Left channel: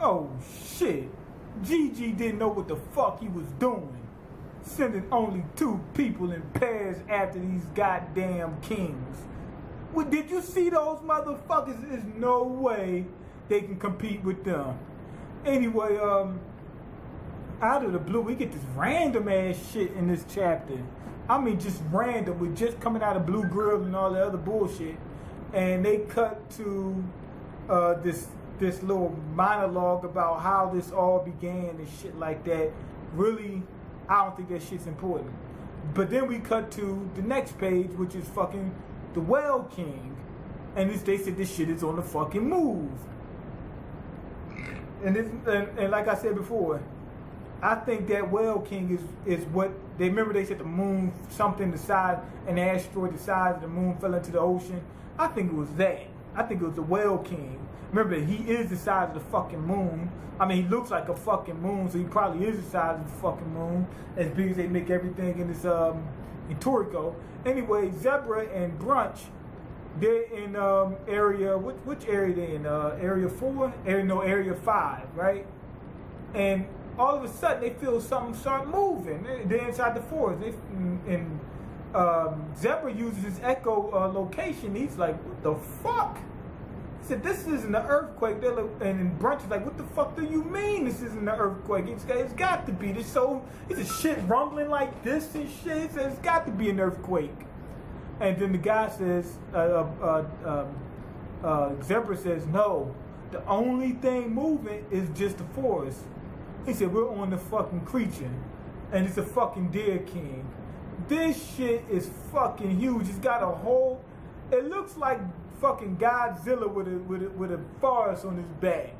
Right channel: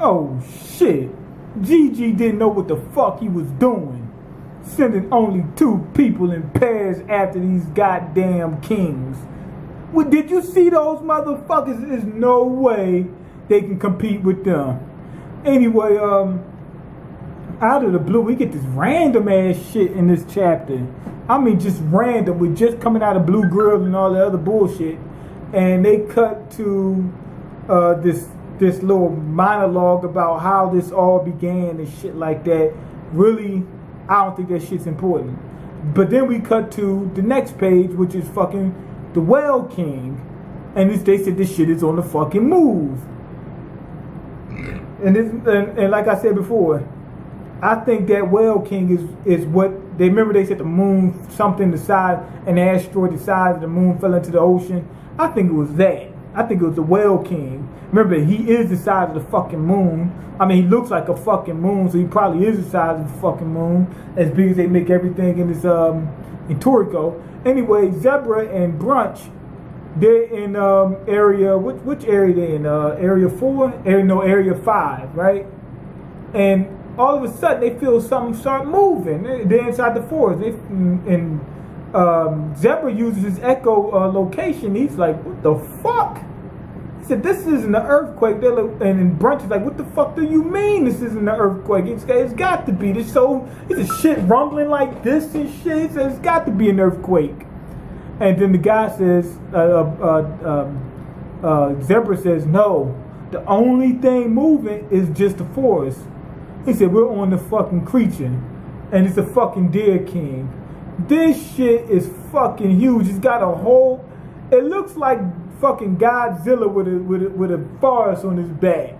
Oh shit. Gigi didn't know what the fuck he was doing. Sending only 2 people in pairs after these goddamn kings. Well, did you see those motherfuckers? There's no way they can compete with them. Anyway, out of the blue, we get this random ass shit in this chapter. I mean, just random. We're just coming out of Blue Girl and all the other bullshit. And they cut to this little monologue about how this all began and shit like that. Really, I don't think that shit's important. But then we cut to the next page, which is fucking the Whale King. And they said this shit is on the fucking move. And like I said before, I think that Whale King is what they remember. They said the moon, something the size, an asteroid the size of the moon fell into the ocean. I think it was that. I think it was the Whale King. Remember, he is the size of the fucking moon. I mean, he looks like a fucking moon, so he probably is the size of the fucking moon. As big as they make everything in this in Toriko. Anyway, Zebra and Brunch, they're in area. Which area they in? Area 4? Area 5, right? And all of a sudden, they feel something start moving. They're inside the forest. Zebra uses his echo location. He's like, what the fuck? He said, this isn't an earthquake. And Brunch is like, what the fuck do you mean this isn't an earthquake? It's got to be. It's a shit rumbling like this and shit. He says, it's got to be an earthquake. And then the guy says, Zebra says, no. The only thing moving is just the forest. He said, we're on the fucking creature. And it's a fucking deer king. This shit is fucking huge. It's got a whole... It looks like fucking Godzilla with a forest on his back.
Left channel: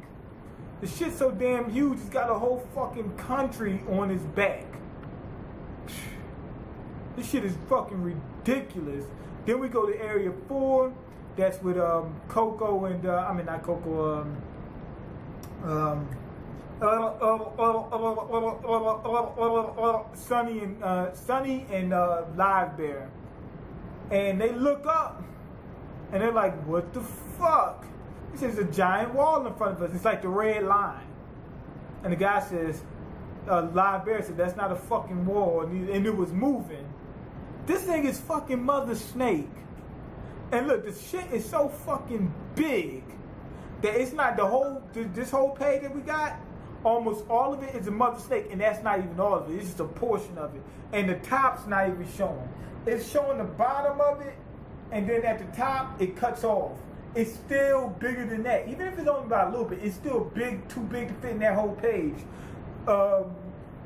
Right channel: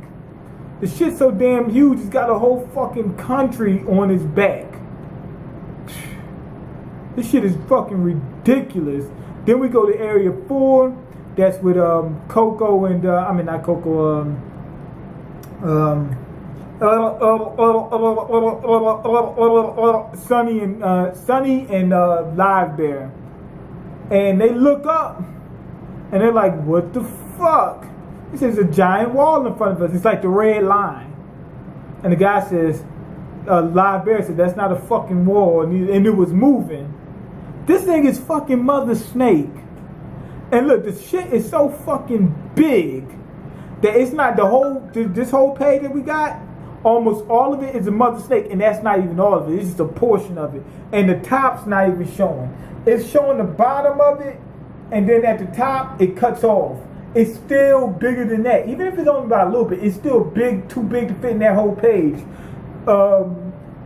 The shit's so damn huge, he's got a whole fucking country on his back. This shit is fucking ridiculous. Then we go to Area 4. That's with Coco and... I mean, not Coco. Sunny and Live Bear, and they look up and they're like, what the fuck? He says, a giant wall in front of us. It's like the red line. And the guy says, Live Bear said, that's not a fucking wall, and it was moving. This thing is fucking Mother Snake. And look, the shit is so fucking big that it's not this whole page that we got. Almost all of it is a Mother Snake, and that's not even all of it. It's just a portion of it. And the top's not even showing. It's showing the bottom of it, and then at the top, it cuts off. It's still bigger than that. Even if it's only about a little bit, it's still big, too big to fit in that whole page. I'm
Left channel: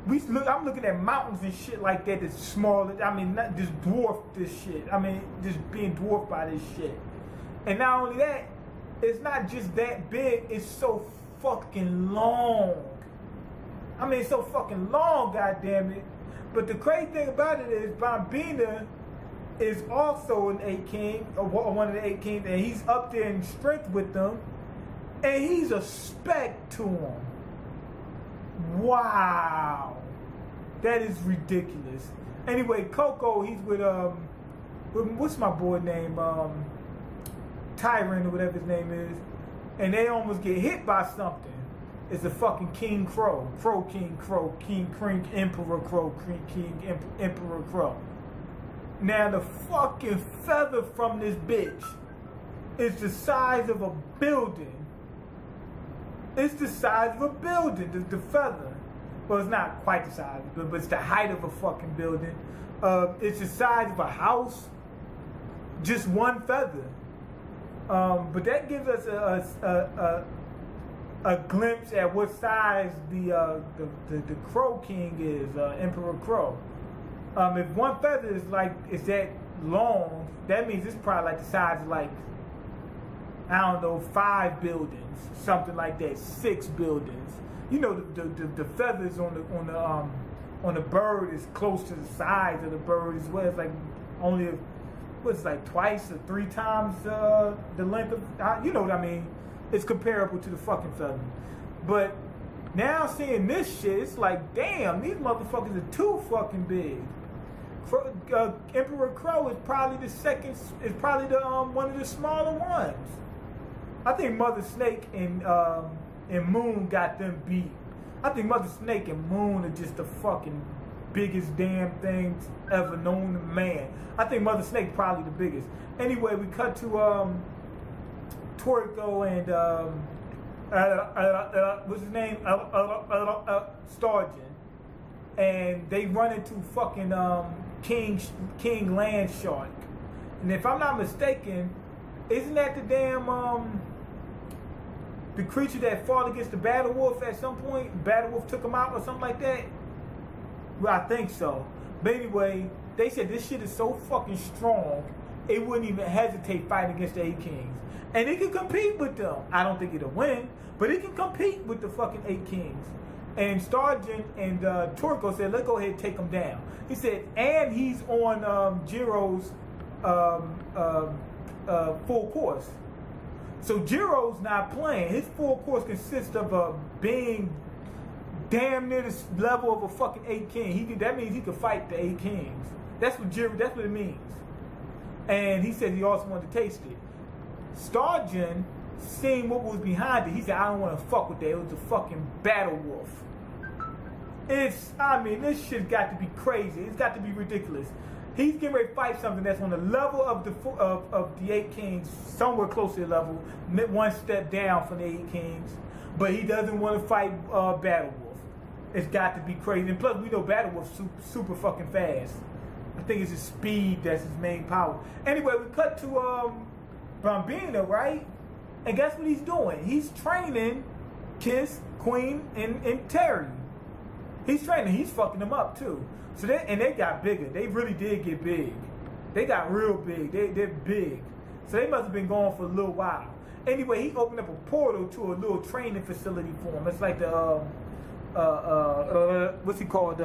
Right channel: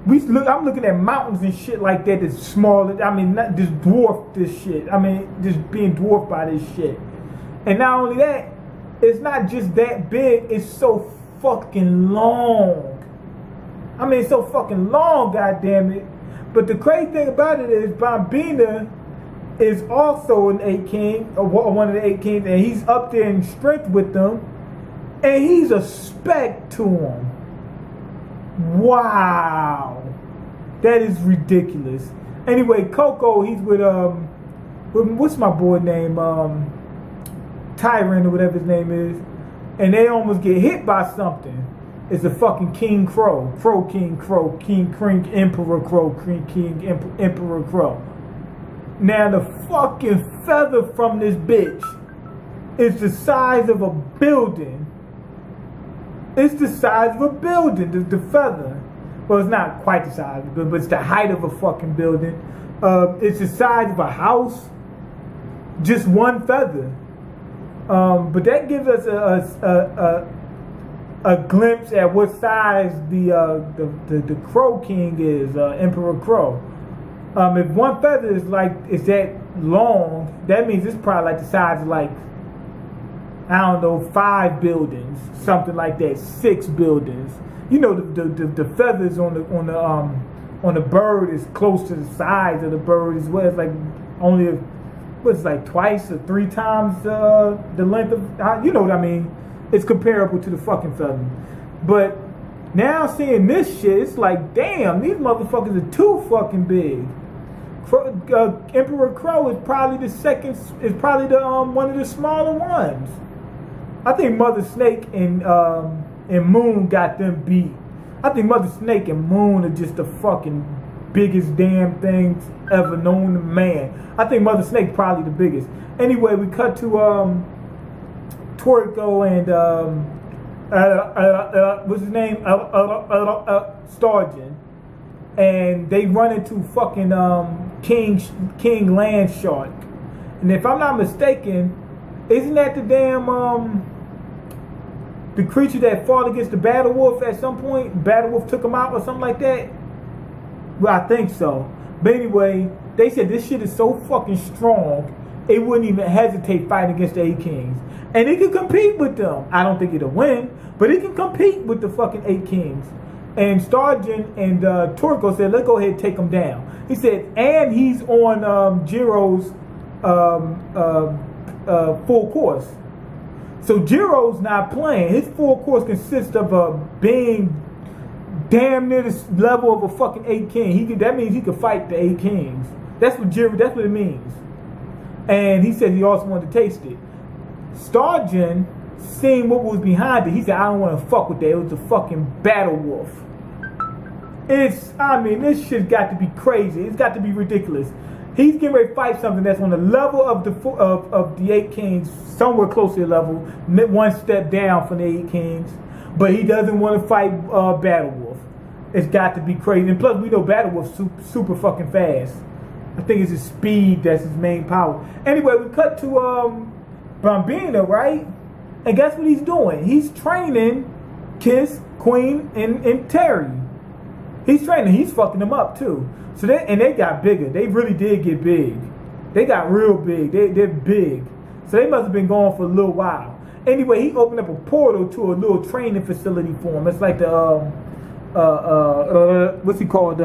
looking at mountains and shit like that that's smaller. I mean, not just dwarf this shit. I mean, just being dwarfed by this shit. And not only that, it's not just that big, it's so fucking long. I mean, it's so fucking long, goddammit. But the crazy thing about it is Bambina is also an 8 king, or one of the 8 kings, and he's up there in strength with them, and he's a spec to him. Wow. That is ridiculous. Anyway, Coco, he's with what's my boy name? Tyrant or whatever his name is. And they almost get hit by something. It's a fucking King Crow. King Emperor Crow. King Emperor Crow. Now the fucking feather from this bitch is the size of a building. It's the size of a building, the feather. Well, it's not quite the size of a building, but it's the height of a fucking building. It's the size of a house. Just one feather. But that gives us a glimpse at what size the Crow King is, Emperor Crow. If one feather is that long, that means it's probably like the size of like, I don't know, 5 buildings, something like that, 6 buildings. You know, the feathers on the bird is close to the size of the bird as well. It's like only what's like twice or 3 times the length of, you know what I mean? It's comparable to the fucking feather. But now seeing this shit, it's like, damn, these motherfuckers are too fucking big. Emperor Crow is probably the one of the smaller ones. I think Mother Snake and and Moon got them beat. I think Mother Snake and Moon are just the fucking biggest damn things ever known to man. I think Mother Snake probably the biggest. Anyway, we cut to Toriko and what's his name? Starjin. And they run into fucking King Landshark. And if I'm not mistaken, isn't that the damn the creature that fought against the Battle Wolf at some point? Battle Wolf took him out or something like that? Well, I think so. But anyway, they said this shit is so fucking strong, it wouldn't even hesitate fighting against the 8 Kings. And it can compete with them. I don't think it'll win, but it can compete with the fucking 8 Kings. And Starjin and Toriko said, let's go ahead and take him down. He said, and he's on Jiro's full course. So Jiro's not playing. His full course consists of being damn near the level of a fucking 8 King. That means he could fight the 8 Kings. That's what it means. And he said he also wanted to taste it. Starjin, seeing what was behind it, he said, I don't want to fuck with that. It was the fucking Battle Wolf. This shit got to be crazy. It's got to be ridiculous. He's getting ready to fight something that's on the level of the 8 Kings, somewhere close to the level, one step down from the 8 Kings. But he doesn't want to fight Battle Wolf. It's got to be crazy. And plus, we know Battle Wolf's super fucking fast. I think it's his speed that's his main power. Anyway, we cut to Bambina, right? And guess what he's doing? He's training Kiss, Queen, and Terry. He's training. He's fucking them up too. So they got bigger. They really did get big. They got real big. They're big. So they must have been going for a little while. Anyway, he opened up a portal to a little training facility for him. It's like the what's he called?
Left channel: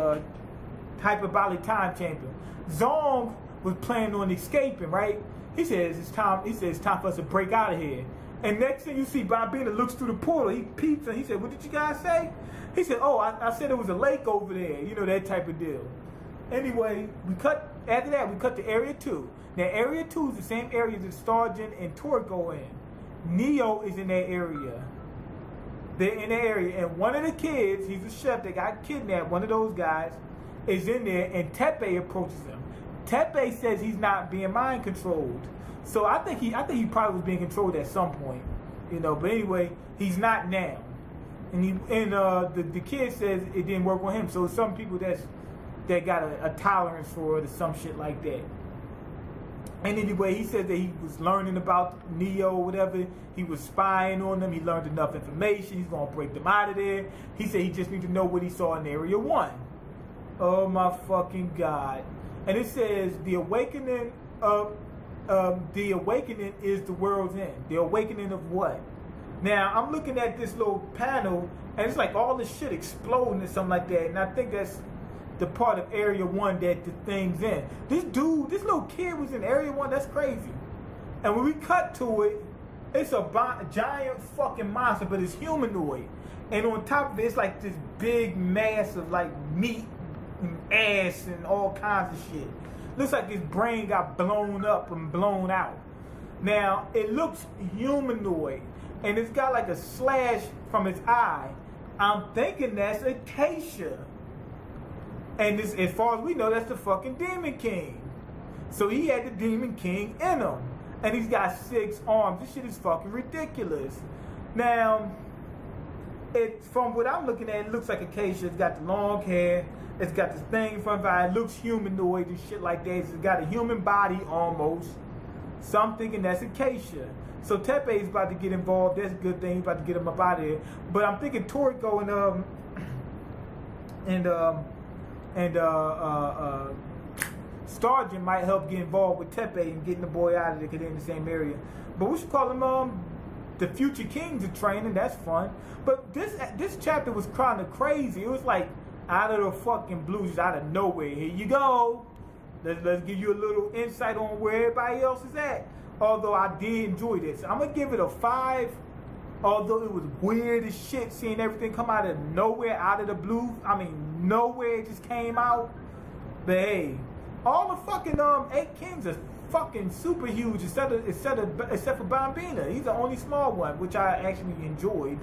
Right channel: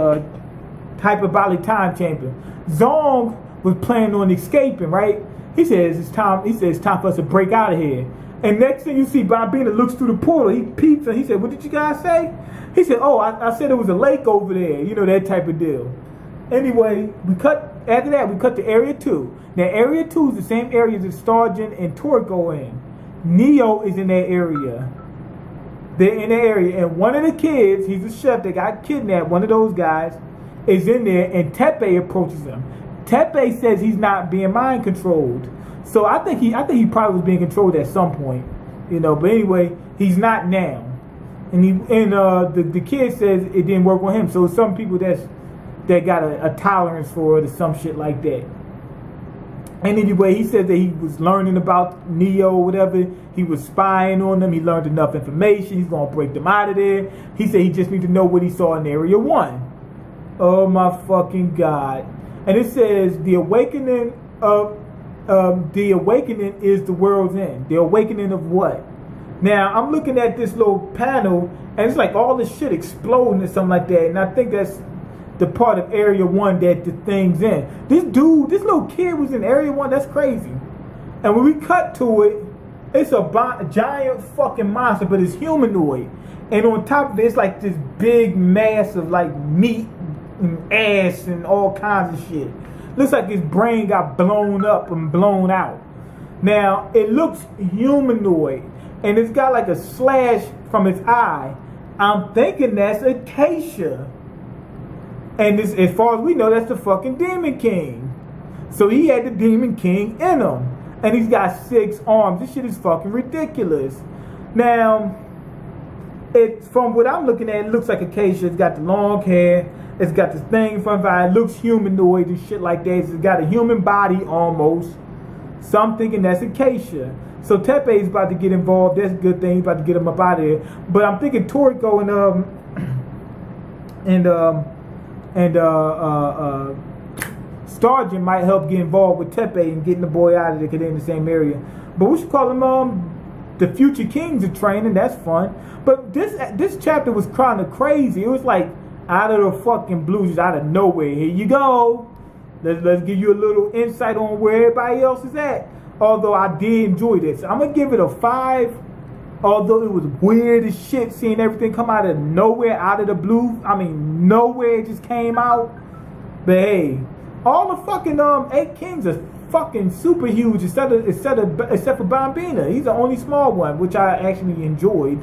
Hyperbolic Time Chamber. Zong was planning on escaping, right? He says it's time. He says it's time for us to break out of here. And next thing you see, Bambina looks through the portal. He peeps and he said, "What did you guys say?" He said, "Oh, I said there was a lake over there." You know, that type of deal. Anyway, after that, we cut to Area 2. Now, Area 2 is the same area that Starjin and Toriko in. Neo is in that area. They're in that area. And one of the kids, he's a chef that got kidnapped, one of those guys, is in there, and Tepe approaches him. Tepe says he's not being mind controlled. So I think he probably was being controlled at some point. You know, but anyway, he's not now. And the kid says it didn't work on him. So some people that got a tolerance for it or some shit like that. And anyway, he said that he was learning about Neo or whatever. He was spying on them. He learned enough information. He's going to break them out of there. He said he just needs to know what he saw in Area 1. Oh my fucking God. And it says the awakening is the world's end. The awakening of what? Now, I'm looking at this little panel, and it's like all this shit exploding or something like that. And I think that's the part of Area 1 that the thing's in. This little kid was in Area 1. That's crazy. And when we cut to it, it's a giant fucking monster, but it's humanoid. And on top of it, it's like this big mass of like meat and ass and all kinds of shit. Looks like his brain got blown up and blown out. Now, it looks humanoid. And it's got like a slash from its eye. I'm thinking that's Acacia. And this, as far as we know, that's the fucking Demon King. So he had the Demon King in him. And he's got 6 arms. This shit is fucking ridiculous. Now, from what I'm looking at, it looks like Acacia. It's got the long hair. It's got this thing in front of it. It looks humanoid and shit like that. It's got a human body almost. So I'm thinking that's Acacia. So Tepe is about to get involved. That's a good thing. He's about to get him up out of here. But I'm thinking Toriko and Starjin might help get involved with Tepe and getting the boy out of there because they're in the same area. But we should call them the future kings are training. That's fun. But this chapter was kind of crazy. It was like out of the fucking blue, just out of nowhere. Here you go. Let's give you a little insight on where everybody else is at. Although I did enjoy this. I'm going to give it a 5. Although it was weird as shit seeing everything come out of nowhere, out of the blue. I mean, nowhere it just came out. But hey, all the fucking 8 kings are fucking super huge except for Bambina. He's the only small one, which I actually enjoyed.